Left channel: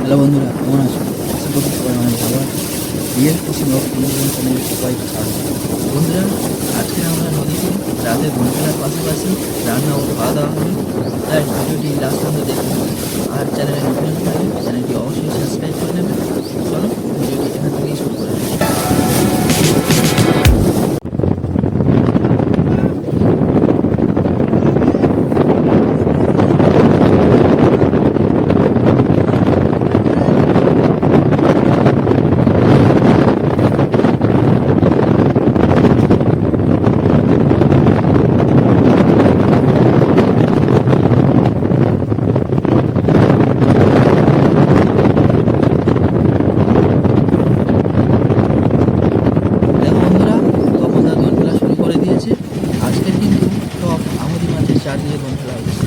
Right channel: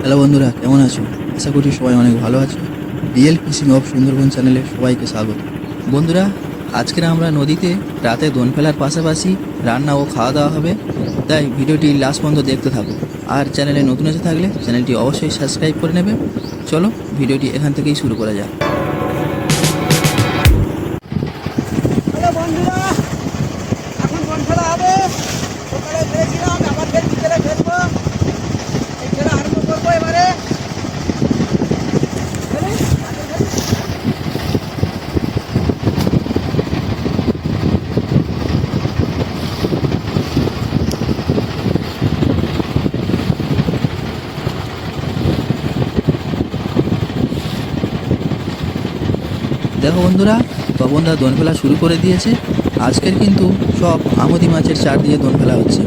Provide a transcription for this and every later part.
Hello বন্ধুরা, কেমন আছো? আশা করি সবাই অনেক ভালো আছে। রিয়েল ফিশিং অফ সুন্দরবন চ্যানেলে সবাইকে স্বাগত। বন্ধুরা, আজকের আমরা নদীতে রাতে দোন ফেলার পাশাপাশি রান্না ও খাওয়া দাওয়া হবে, তাই ভিডিওটি লাস্ট পর্যন্ত দেখতে থাকুন। আর চ্যানেলে নতুন এসে থাকলে চ্যানেলটি অবশ্যই সাবস্ক্রাইব করে নেবে। চলো ভিডিওটি এখান থেকেই শুরু করা যাক। দেখো বন্ধুরা, তপনদা দোন ফেলা শুরু করে দিয়েছে। আজকের কিন্তু সব আমুদি মাছের চার দিয়ে দোন ফেলা হচ্ছে।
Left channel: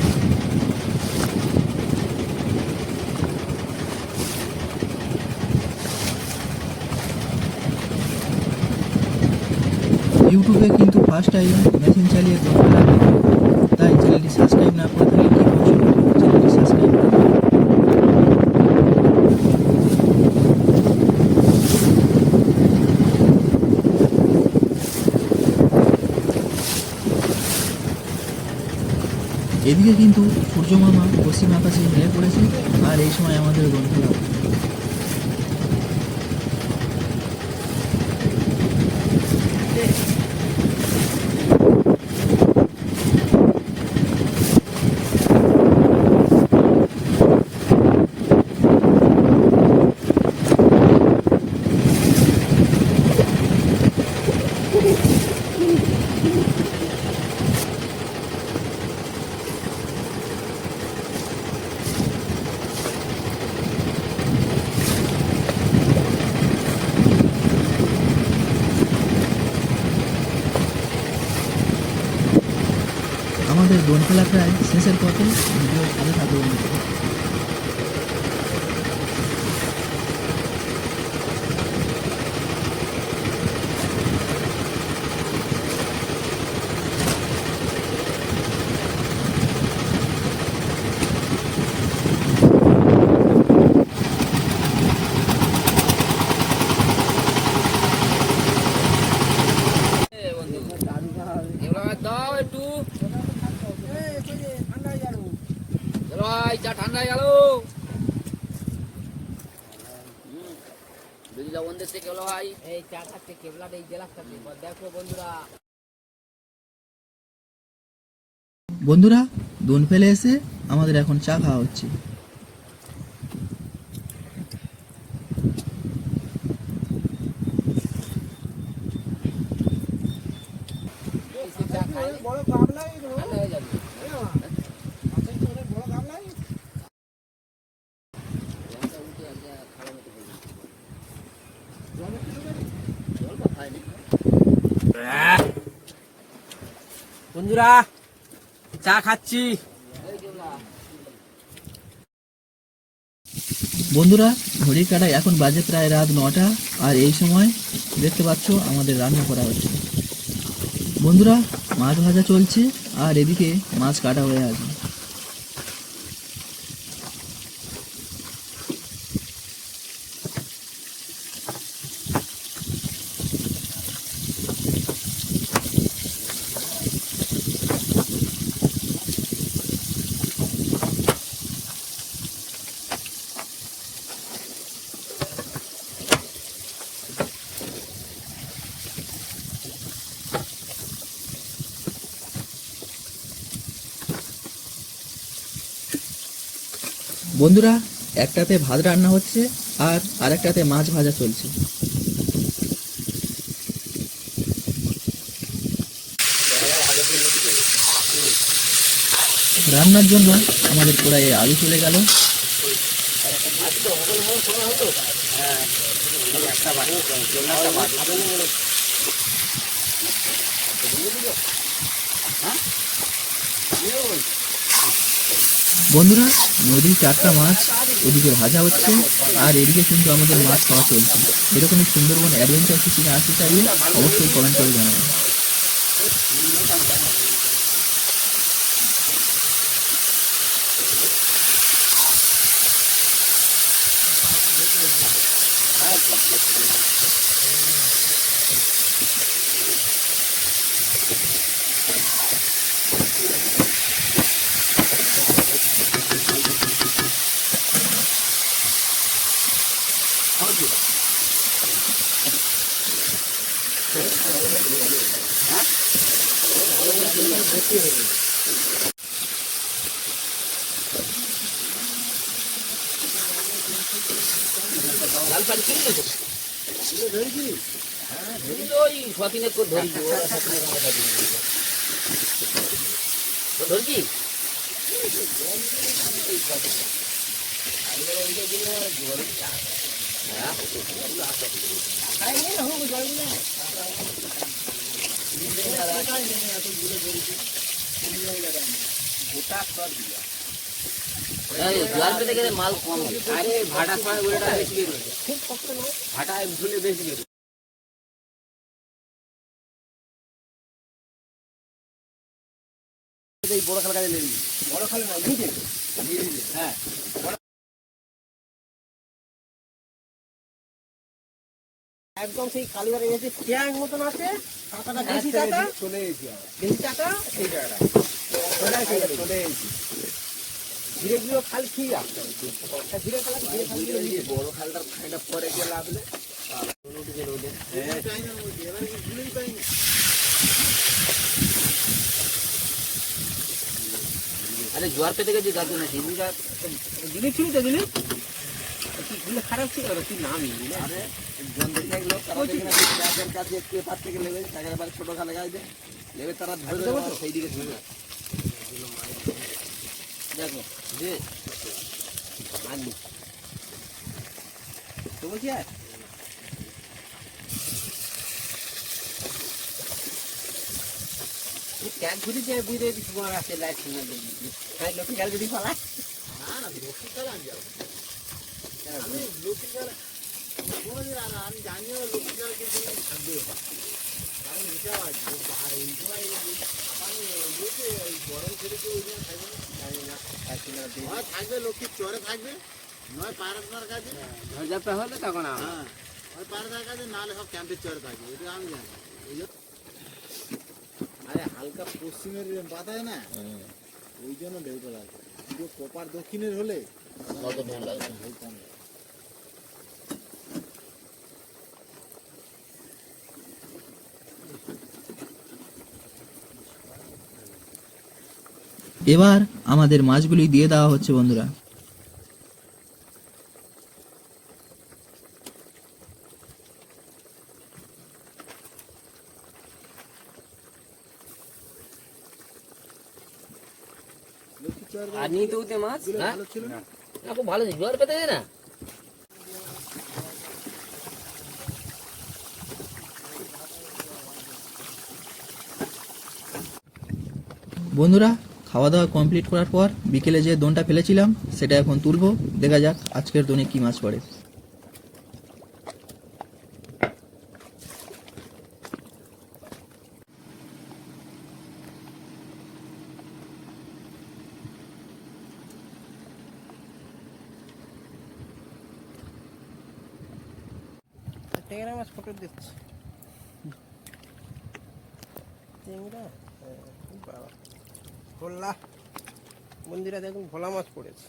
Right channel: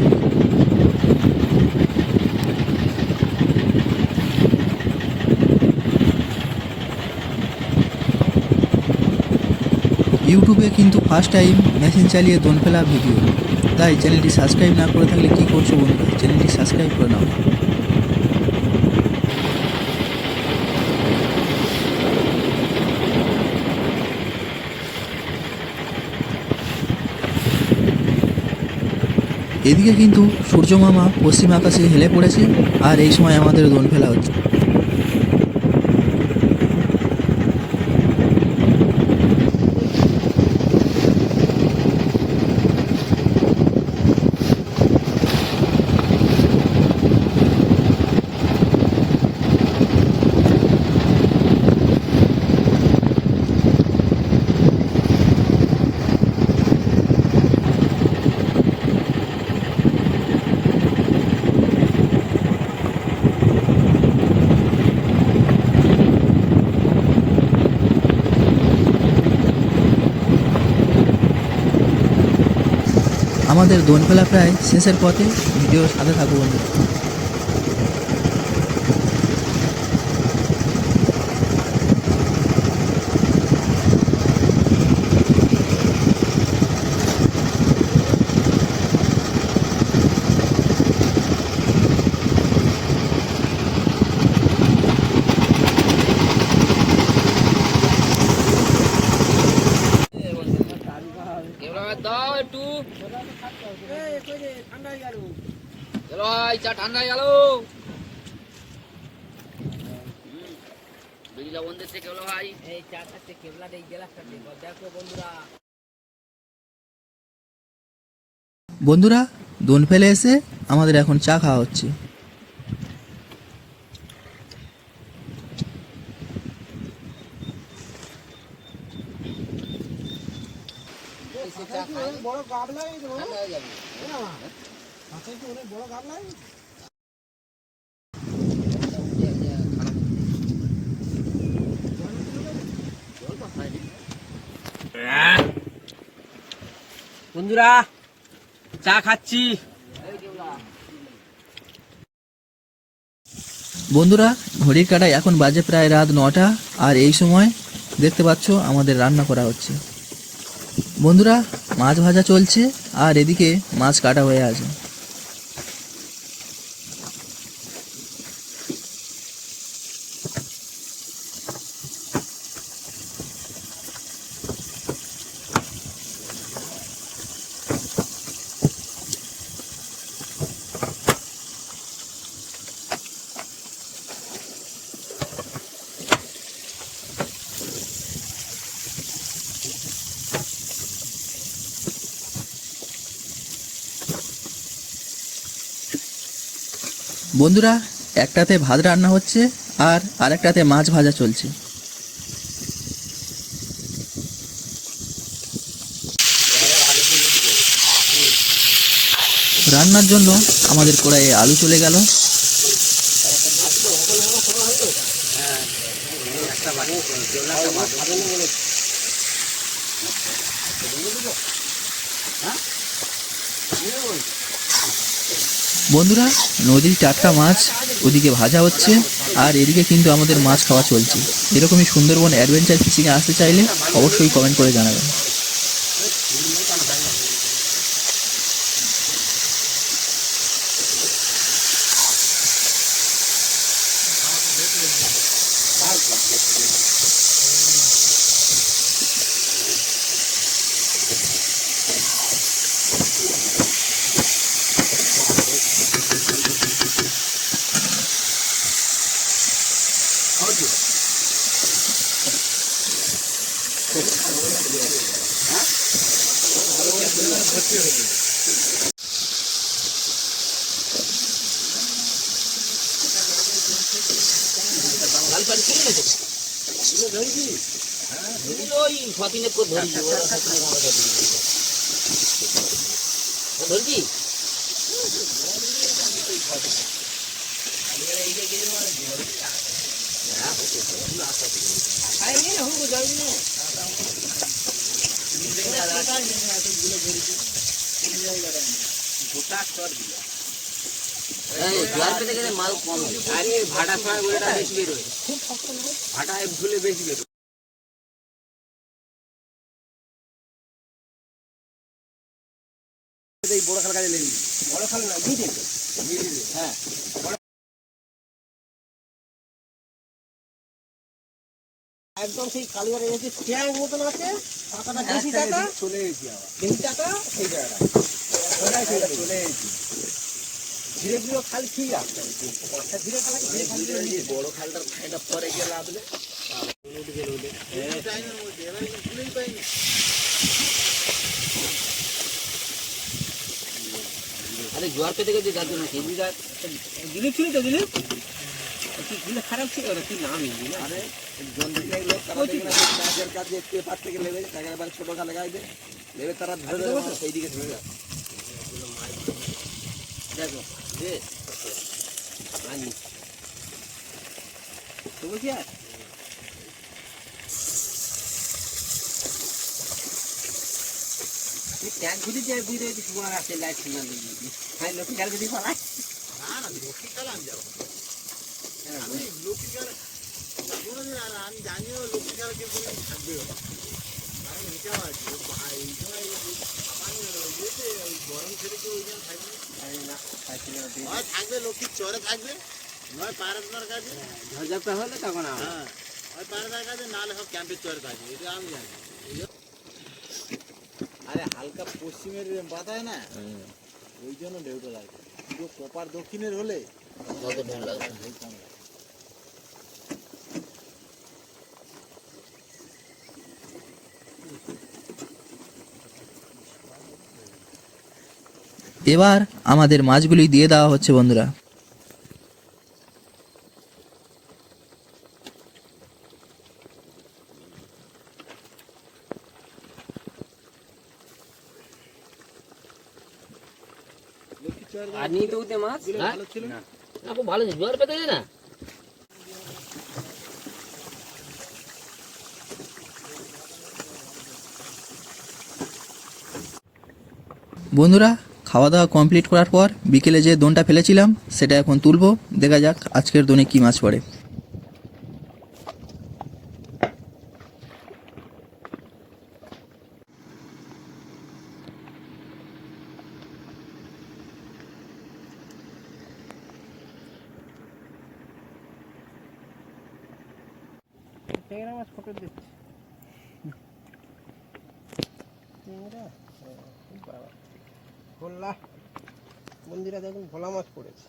ইউটিউবে কিন্তু ফার্স্ট টাইম মেশিন চালিয়ে দোন ফেলা ভিডিও, তাই চ্যানেলটি সাবস্ক্রাইব না করে থাকলে কী করছো বন্ধু, চ্যানেলটি সাবস্ক্রাইব করে নাও। এদিকে কিন্তু সূর্য মামা পশ্চিম আকাশে হেলে পড়েছে, আর এই সময় আমাদের দোন ফেলা হচ্ছে। আমাদের দোন ফেলা প্রায় শেষের পথে, ভিডিওর সাথে থাকবো। দাও একটু চা ঠান্ডা হয়ে গেল। ভাই এই চা খাচ্ছে কেবলা এই জেলা খাচ্ছে। দেখো বন্ধুরা, বন্ধুরা দোন ফেলে এসে আমাদের এখন চা খাওয়া হচ্ছে। বড় গাবলাই হয়ে যাবে। বড় গাবলাই বন্ধুরা চা খাচ্ছি। বন্ধুরা ঘড়ির কাঁটায় এখন বাজে প্রায় রাত 9টা, আর এই সময় দেখতে পাচ্ছ আমাদের রান্না করা হচ্ছে। বন্ধুরা মাছ ভাজা চলছে, আর এদিকে মাছ কাটা হয়ে আছে। বন্ধুরা একটাতে ভাত রান্না হচ্ছে, আর আরেকটাতে মাছ ভাজা চলছে। রান্নার জন্য আমাদের কড়াইয়ে আলু চলে গেল। বন্ধুরা নদীর টাটকা মাছ ওদিকে ভাজা হচ্ছে, আর এদিকে কিন্তু আমাদের মাছ খাওয়া চলছে। এরকমই সুন্দরবন অ্যাডভেঞ্চার ফিশিংয়ে আসতে চাইলে অবশ্যই কমেন্ট করে জানাবেন। লাল পানি খেয়ে গেছে ধরবি ওই সতিনের পর ধরবি ওরা সতিনের আমরা ধরবি জোয়ার পেতে গেলে মাল কম হয় আরে ভাটা করা ওটা বেশি বেরোয় খুব শক্ত নয় ভাটা ধুলে বেশি বেরোয় এই বড় খাল কাজে লেগে বড় খাল না মিডিল হ্যাঁ একদম সেই কালীবাড়ি যে ট্যাঙ্ক মতন আছে টাকাটা বেশি টাকা চলে এসেছি বেশি টাকা সেই জায়গাটা চলে এসেছি ধীরে ধীরে খাল ঠিক আছে ধীরে ধীরে বড় খালটা খাইটা পরে গিয়ে লাগলে আরে জোয়ার পেতে গেছে যার জন্য সেই দিলে ছিল তো দিলে কি খারাপ ছিল ওরা কি নামই না কাছে পেপার থেকে লেগে তাকে আবার ছোট খালে গাইবে লেগে তারা ধরে দেবো তো সেই দিকে চলে যাবে দেখো যে আমি তো বলছি আর ট্যাঙ্ক ঘুরে যে ধীরে সময় আসে লাইট সিগন্যাল দিয়ে তাই লোকে গেল যদি পালা না লোকে চালান যাও লোকে গেল কোনোদিন আর আমি জানিও লোকে গেল কিন্তু থাকবে কারণ এটা গরম ছেড়ে কেউ ওই জন্য থাকবে লক্ষ্মীর চরে থাকবে নয় পাড়ার কাছে ঝড়ঝাপটা হলে তখন পাড়ার কাছে নাহলে সব ক্যাম্পের চরে থাকবে এটা আমি জানি আরে হালকা পশ্চিমের বাতায় না ওই জন্য ঢেউটা লাগবে পুরো প্রপার দক্ষিণের হলে এবার আমাদের মাছগুলি দিয়ে দেওয়া হচ্ছে বন্ধুরা। আর নিয়ে তো উঠে মাছ ভালো ছিল না খুব ভালো ছিল জোয়ার পেতে না বন্ধুরা খাওয়া দাওয়া কমপ্লিট করার পর বিকেলে যে দোনটা ফেলেছিলাম সেটা এখন তুলবো, দেখা যাক আজকের দোনে কি মাছ পড়ে। ট্যাংরা মাছ ফটো দিচ্ছি ভোলা মন্দিরে দেখুন ভোলা মাছ পড়েছে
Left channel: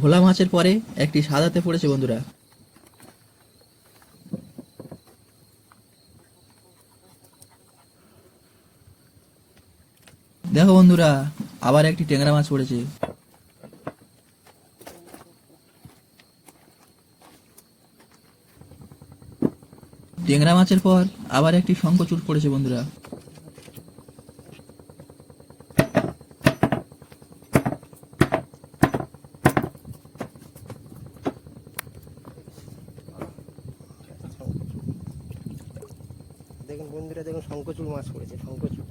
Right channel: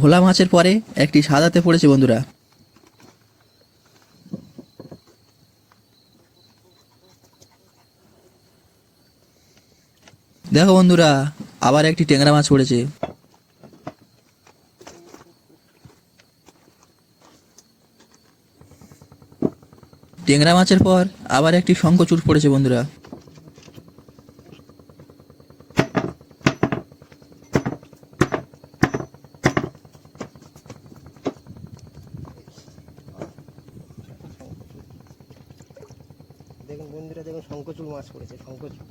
ভোলা মাছের পরে একটি সাদাতে পড়েছে বন্ধুরা। দেখো বন্ধুরা আবার একটি ট্যাংরা মাছ পড়েছে। ট্যাংরা মাছের পর আবার একটি শঙ্খচূড় পড়েছে বন্ধুরা। দেখুন বন্ধুরা দেখুন শঙ্খচূড় মাছ পড়েছে শঙ্খচূড়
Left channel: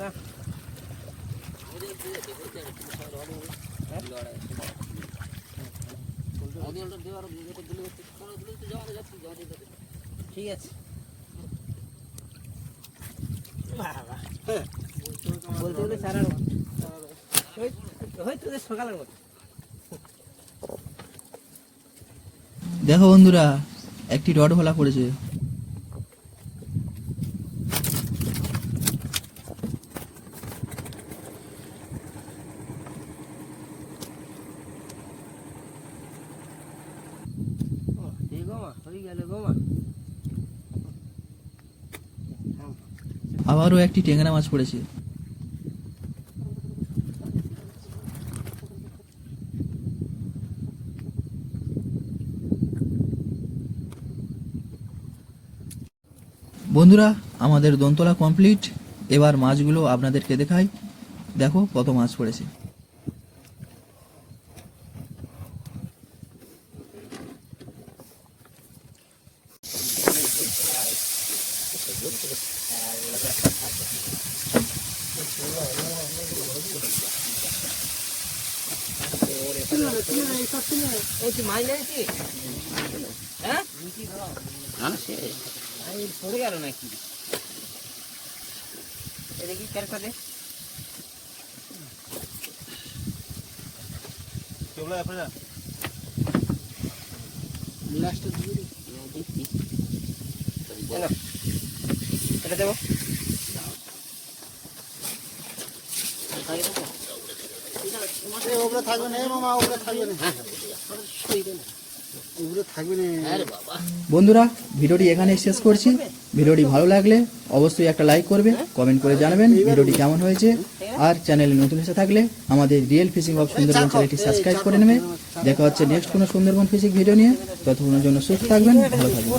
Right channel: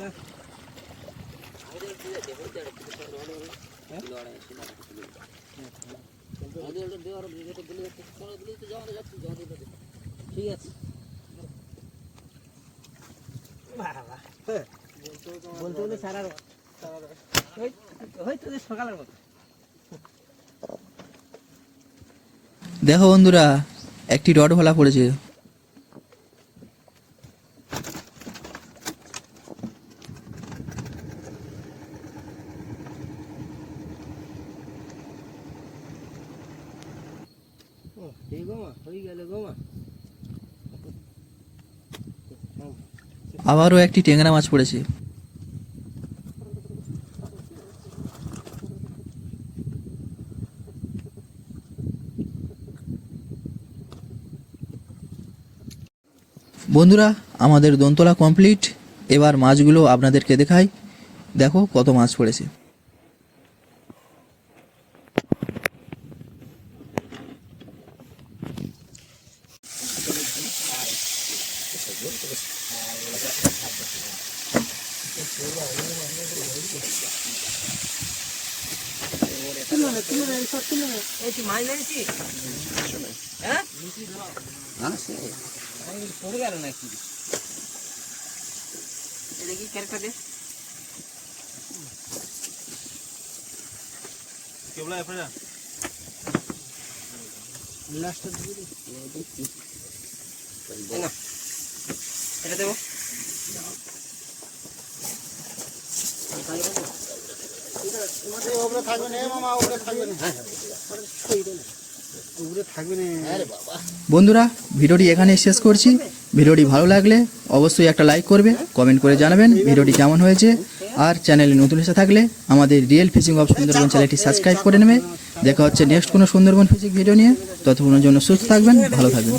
না ঠিক আছে বলতে বলে সারা হয়তো সকালের মতো দেখো বন্ধুরা, একটি রড ভালা পড়েছে। আবারও একটি টেংরা মাছ পড়েছে। বন্ধুরা, আমাদের দোনতলা কমপ্লিট। এবার মাছগুলো আপনাদেরকে দেখাই। দেখো কত মাছ পড়েছে। মাছ নিয়েছি হ্যাঁ পড়ে গেল নাকি দেখি ক্যারেক্টারে কেবল আপনারা লাস্টটা দিয়ে দেখি এটা দেবো ওপরে থাকবে না মামা, ওপরে থাকবে না, ওপরে থাকবে না। বন্ধুরা, ভিডিওটি এখানেই শেষ করছি। ভিডিওটি ভালো লাগলে অবশ্যই একটা লাইক করবে, কমেন্ট করে জানাবেন ভিডিওটি কেমন হয়েছে। আর চ্যানেলে নতুন এসে থাকলে আমাদের রিয়েল ফিশিং অফ সুন্দরবন চ্যানেলটি সাবস্ক্রাইব করে নেবে। দেখা হচ্ছে নেক্সট কোনো সুন্দরবন ফিশিং ভিডিও নিয়ে। ততক্ষণের জন্য সুস্থ থাকবেন, ভালো থাকবেন।